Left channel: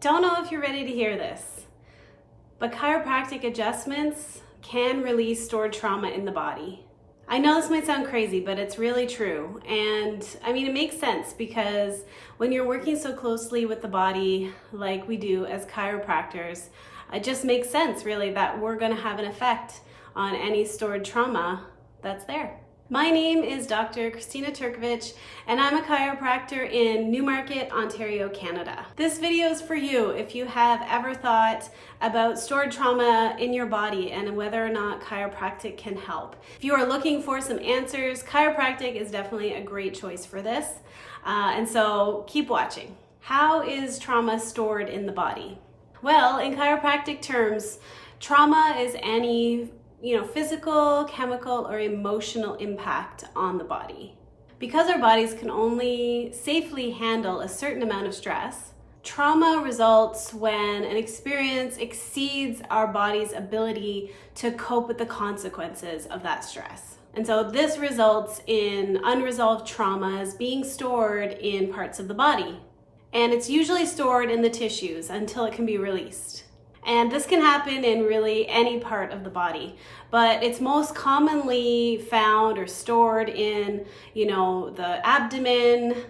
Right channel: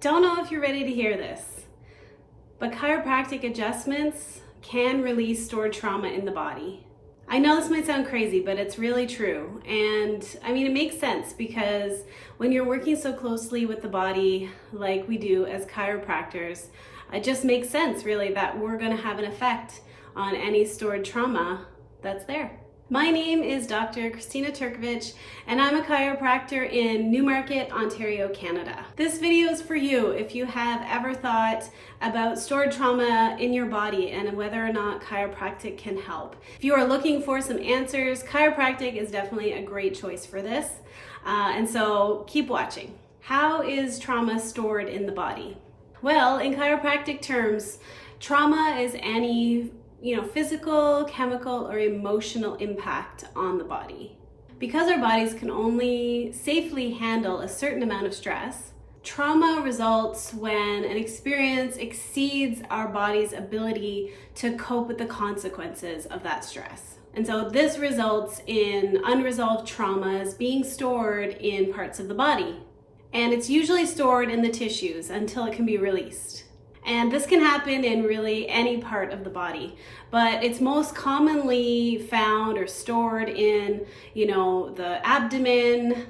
Don't know if you're ready to hear this, but chiropractic adjustments can release stored trauma in the body. I know this might sound crazy, but it's really true. And I mean, it makes sense because when you're working so closely with the body like we do as chiropractors, it just makes sense really that we're going to have an effect on any stored trauma that's there. My name is Dr. Kristina Turkewitsch, and I'm a chiropractor in Newmarket, Ontario, Canada. This video is for you if you have ever thought about stored trauma in your body and whether or not chiropractic can help. If you are looking for some answers, chiropractic is definitely a great choice for this. And so keep watching. How is trauma stored in the body? Well, in chiropractic terms, trauma is any physical, chemical, or emotional impact on the body. Because our bodies can only safely handle a certain amount of stress, trauma results when an experience exceeds our body's ability to cope with the consequences of that stress. And so this results in unresolved traumas being stored in parts of the body. And it's usually stored in the tissues until it can be released. And this can happen in really any part of the body, but it's most commonly found or stored in, the abdomen,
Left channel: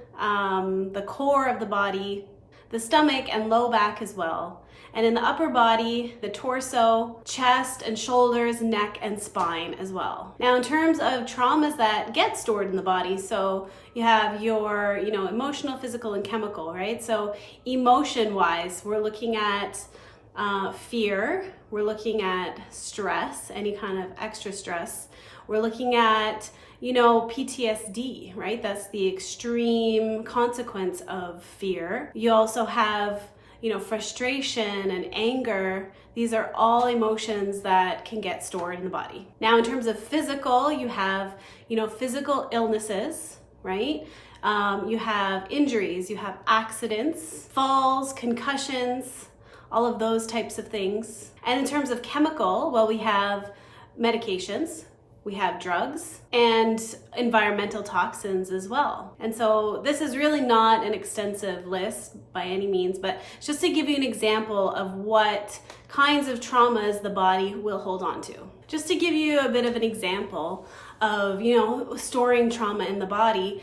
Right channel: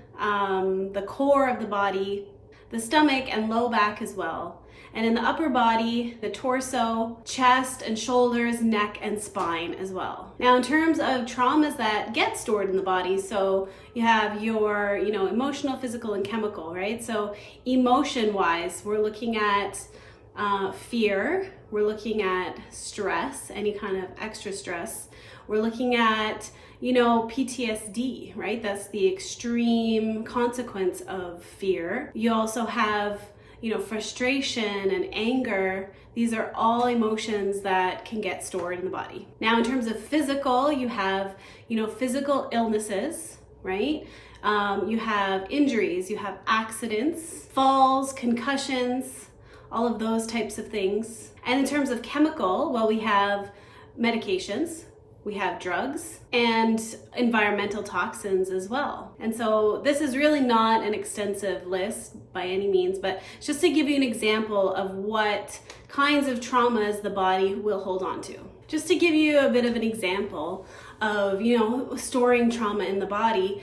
the core of the body, the stomach and low back as well. And in the upper body, the torso, chest and shoulders, neck and spine as well. Now, in terms of traumas that get stored in the body, so you have your, emotional, physical and chemical, right? So emotion-wise, we're looking at fear, we're looking at stress, any kind of extra stress. We're looking at, PTSD, right? That's the extreme consequence of fear. You also have, frustration and anger. These are all emotions that can get stored in the body. Now, in terms of physical, you have, physical illnesses, right? You have injuries, you have accidents, falls, concussions, all of those types of things. And in terms of chemical, well, we have medications, we have drugs, and environmental toxins as well. And so this is really not an extensive list by any means, but just to give you an example of what kinds of traumas the body will hold on to. Just to give you a bit of an example of, storing trauma in the body,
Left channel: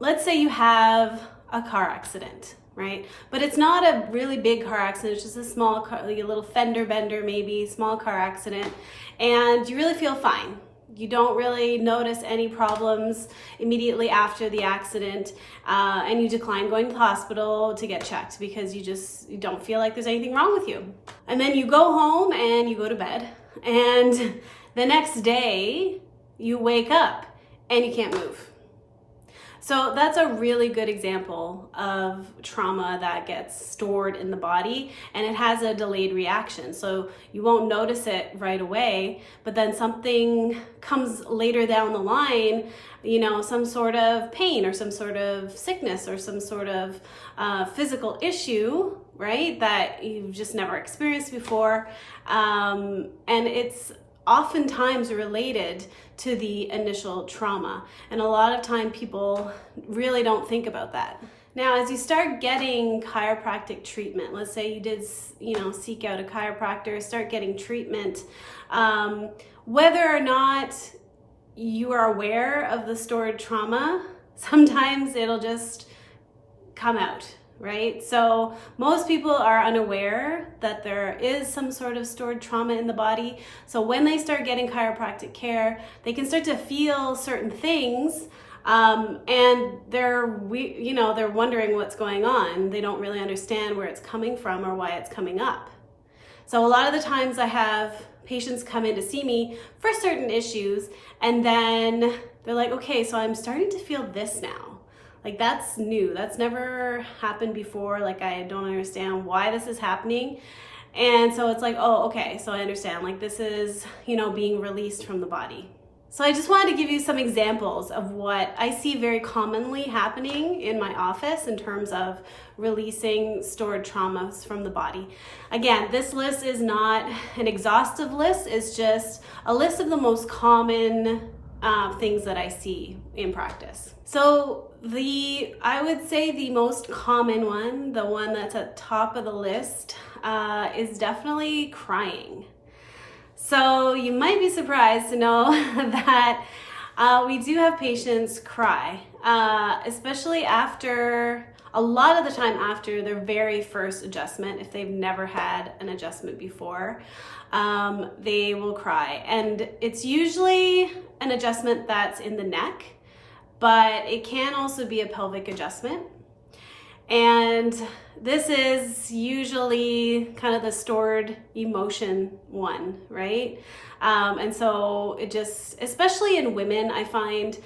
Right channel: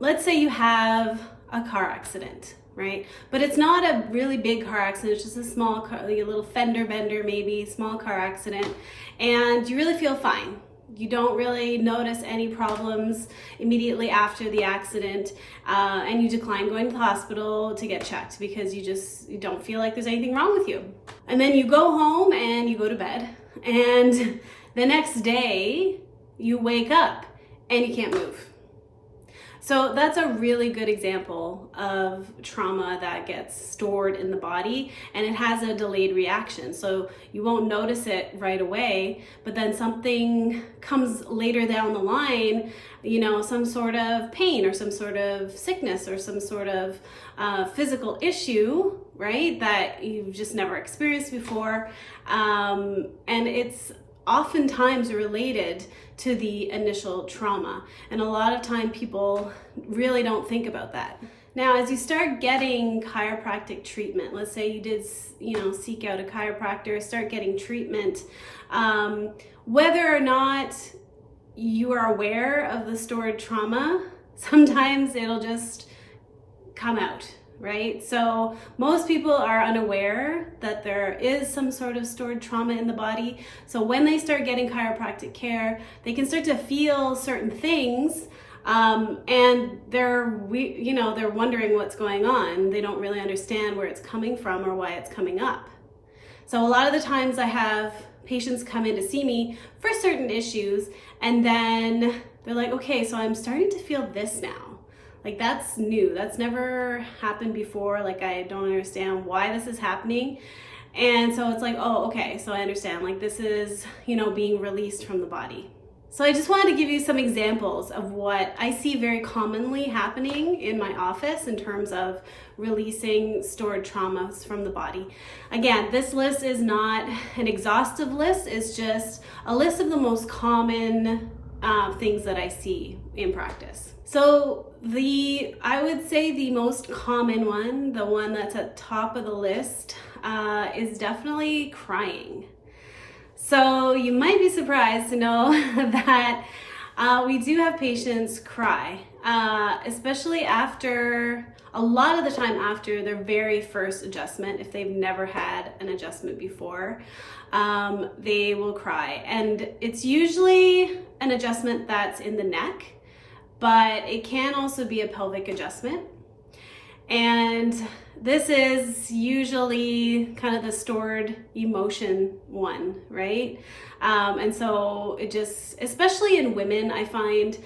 let's say you have a car accident, right? But it's not a really big car accident, it's just a small car, like a little fender bender maybe, small car accident, and you really feel fine. You don't really notice any problems immediately after the accident, and you decline going to the hospital to get checked because you don't feel like there's anything wrong with you. And then you go home and you go to bed, and the next day you wake up and you can't move. So that's a really good example of trauma that gets stored in the body, and it has a delayed reaction. So you won't notice it right away, but then something comes later down the line, some sort of pain or some sort of sickness or some sort of physical issue, right, that you've just never experienced before. And it's oftentimes related to the initial trauma. And a lot of time people really don't think about that. Now, as you start getting chiropractic treatment, let's say you did, seek out a chiropractor, start getting treatment, whether or not you are aware of the stored trauma, sometimes it'll just come out, right? So most people are unaware that there is some sort of stored trauma in the body. So when they start getting chiropractic care, they can start to feel certain things, and they're wondering what's going on. They don't really understand where it's coming from or why it's coming up. So a lot of the times I have patients come in to see me for certain issues, and then they're like, okay, so I'm starting to feel this now. Like, that's new. That's never happened before. Like, I don't understand why this is happening. And so it's like, oh, okay, so I understand. Like, this is, being released from the body. So I just wanted to give you some examples of what I see very commonly happening in my office in terms of releasing stored traumas from the body. Again, this list is not an exhaustive list. It's just a list of the most common things that I see in practice. So I would say the most common one, the one that's at top of the list, is definitely crying. So you might be surprised to know that we do have patients cry, especially a lot of the time after their very first adjustment. If they've never had an adjustment before, they will cry. And it's usually an adjustment that's in the neck, but it can also be a pelvic adjustment. And this is usually kind of the stored emotion one, right? And so it just, especially in women, I find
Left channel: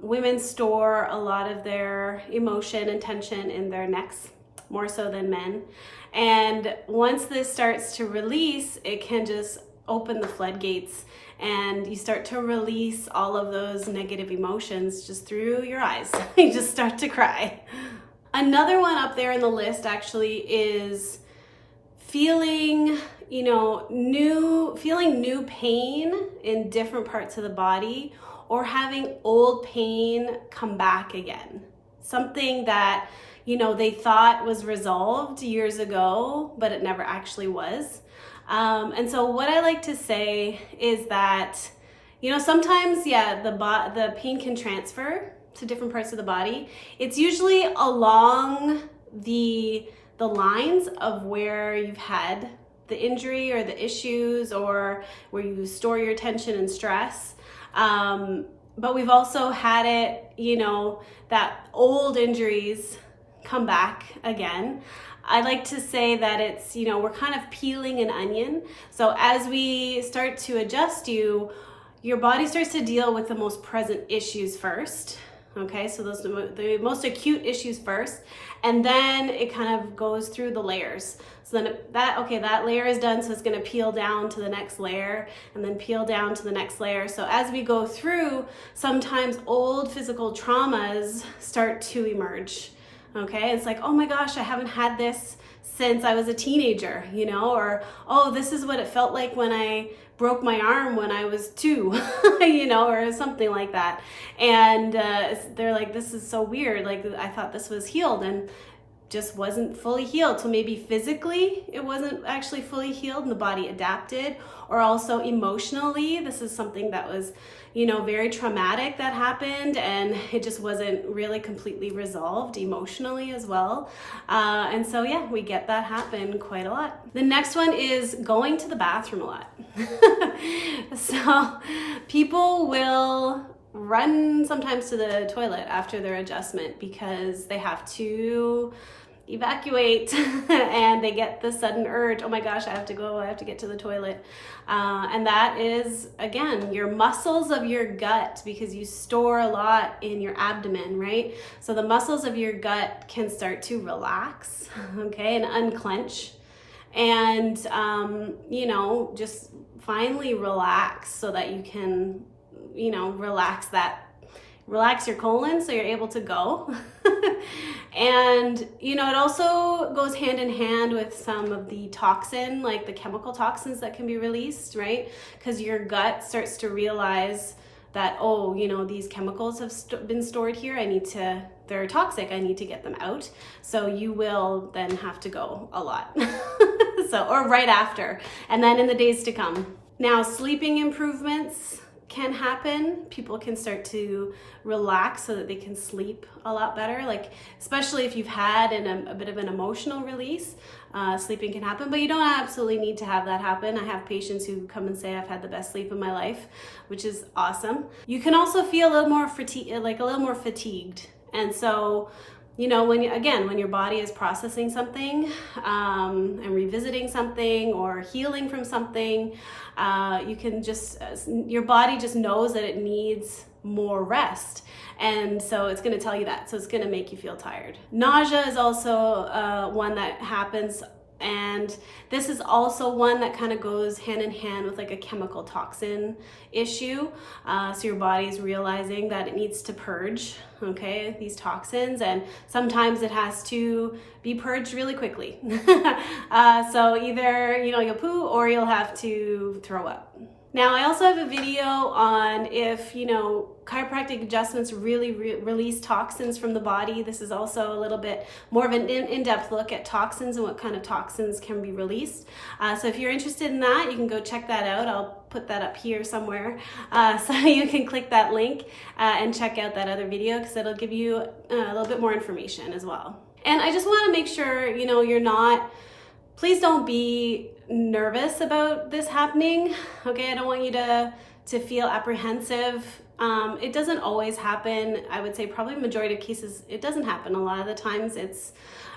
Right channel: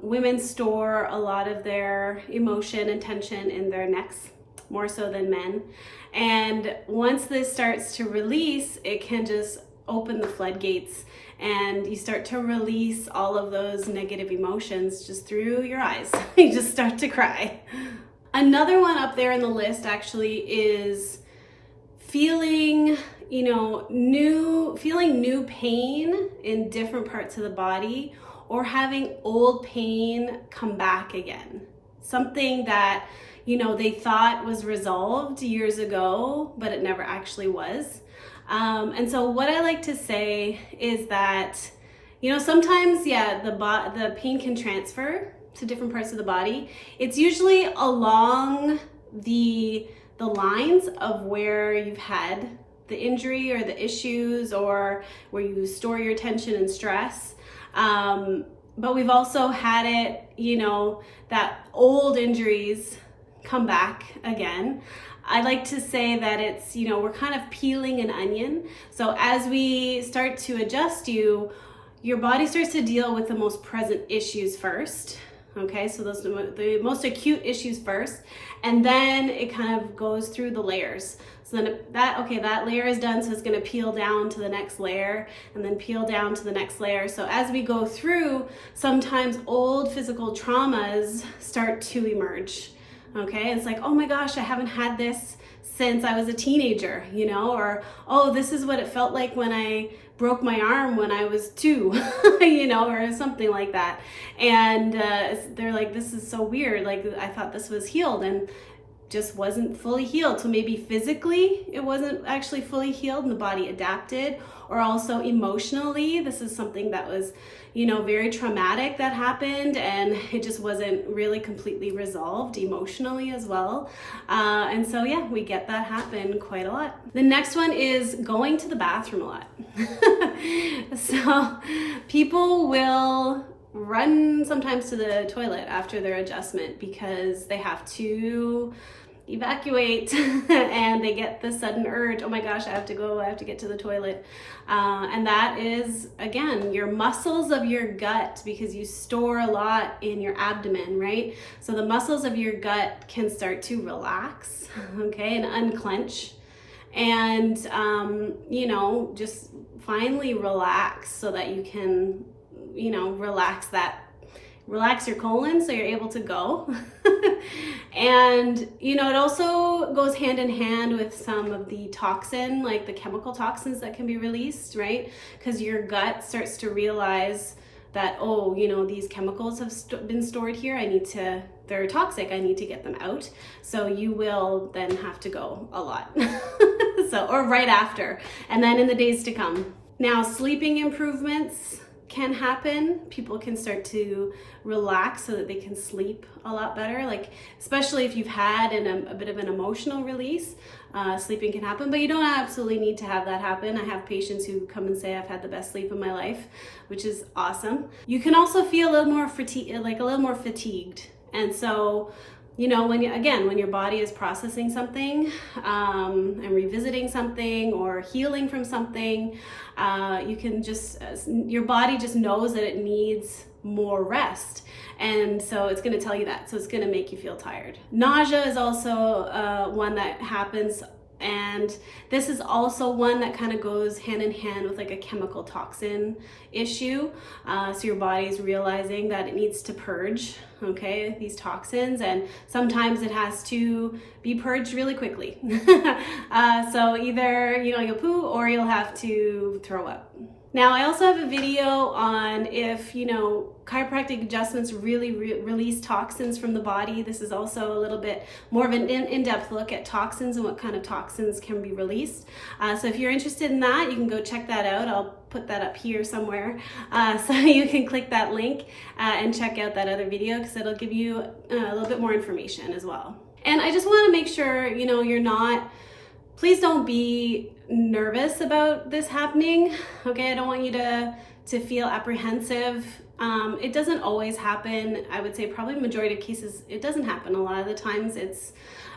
women store a lot of their emotion and tension in their necks, more so than men. And once this starts to release, it can just open the floodgates, and you start to release all of those negative emotions just through your eyes. You just start to cry. Another one up there in the list actually is feeling new pain in different parts of the body, or having old pain come back again. Something that, they thought was resolved years ago, but it never actually was. And so what I like to say is that, sometimes, the pain can transfer to different parts of the body. It's usually along the lines of where you've had the injury or the issues, or where you store your tension and stress. But we've also had it, that old injuries come back again. I like to say that it's, we're kind of peeling an onion. So as we start to adjust your body starts to deal with the most present issues first. Okay, so those are the most acute issues first, and then it kind of goes through the layers. So then that layer is done, so it's going to peel down to the next layer, and then peel down to the next layer. So as we go through, sometimes old physical traumas start to emerge. Okay, it's like, oh my gosh, I haven't had this since I was a teenager, or, oh, this is what it felt like when I broke my arm when I was 2, or something like that. And they're like, this is so weird. Like, I thought this was healed, and just wasn't fully healed. So maybe physically it wasn't actually fully healed and the body adapted, or also emotionally, this is something that was, very traumatic that happened, and it just wasn't really completely resolved emotionally as well. And so, we get that happen quite a lot. The next one is going to the bathroom a lot. So people will run sometimes to the toilet after their adjustment because they have to evacuate and they get the sudden urge, oh my gosh, I have to get to the toilet. And that is, again, your muscles of your gut, because you store a lot in your abdomen, right? So the muscles of your gut can start to relax, okay, and unclench, and just finally relax so that you can relax your colon so you're able to go. And it also goes hand in hand with some of the toxin, like the chemical toxins that can be released, right? Because your gut starts to realize that, these chemicals have been stored here, they're toxic, I need to get them out. So you will then have to go a lot. Or right after, and then in the days to come. Now, sleeping improvements can happen. People can start to relax so that they can sleep a lot better, like especially if you've had a bit of an emotional release. Sleeping can happen, but you don't absolutely need to have that happen. I have patients who come and say, I've had the best sleep of my life, which is awesome. You can also feel a little more fatigued. And so, when your body is processing something and revisiting something or healing from something, your body just knows that it needs more rest. And so it's going to tell you that. So it's going to make you feel tired. Nausea is also one that happens. And this is also one that kind of goes hand in hand with like a chemical toxin issue. So your body is realizing that it needs to purge, okay, these toxins, and sometimes it has to be purged really quickly. So either, you'll poo or you'll have to throw up. Now, I also have a video on if, chiropractic adjustments really release toxins from the body. This is also a little bit more of an in-depth look at toxins and what kind of toxins can be released. So if you're interested in that, you can go check that out. I'll put that up here somewhere so you can click that link and check out that other video, because it'll give you a little bit more information as well. And I just want to make sure, please don't be nervous about this happening, okay? I don't want you to feel apprehensive. It doesn't always happen. I would say probably majority of cases, it doesn't happen. A lot of the times it's,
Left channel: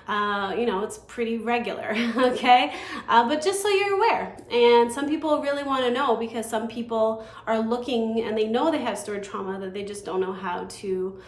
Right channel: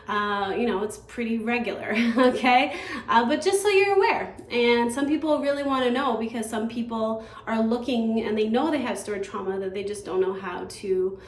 it's pretty regular, okay? But just so you're aware. And some people really want to know, because some people are looking and they know they have stored trauma that they just don't know how to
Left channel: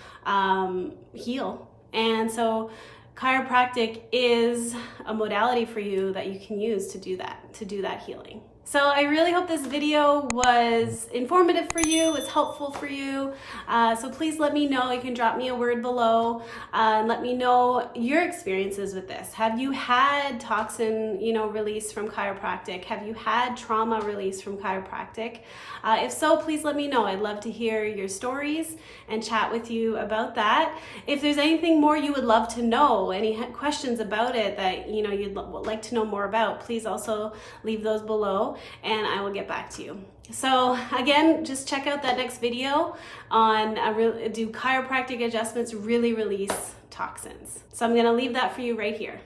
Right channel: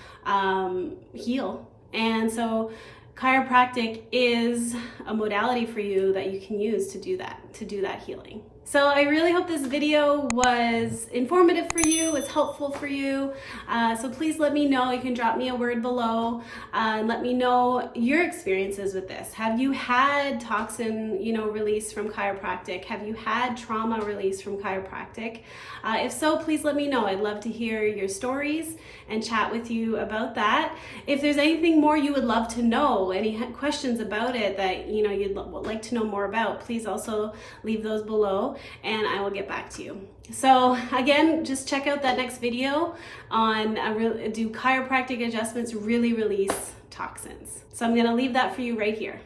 heal. And so chiropractic is a modality for you that you can use to do that healing. So I really hope this video was informative for you, was helpful for you. So please let me know. You can drop me a word below and let me know your experiences with this. Have you had toxin, release from chiropractic? Have you had trauma release from chiropractic? If so, please let me know. I'd love to hear your stories and chat with you about that. If there's anything more you would love to know, any questions about it that you'd like to know more about, please also leave those below and I will get back to you. So again, just check out that next video on do chiropractic adjustments really release toxins. So I'm going to leave that for you right here.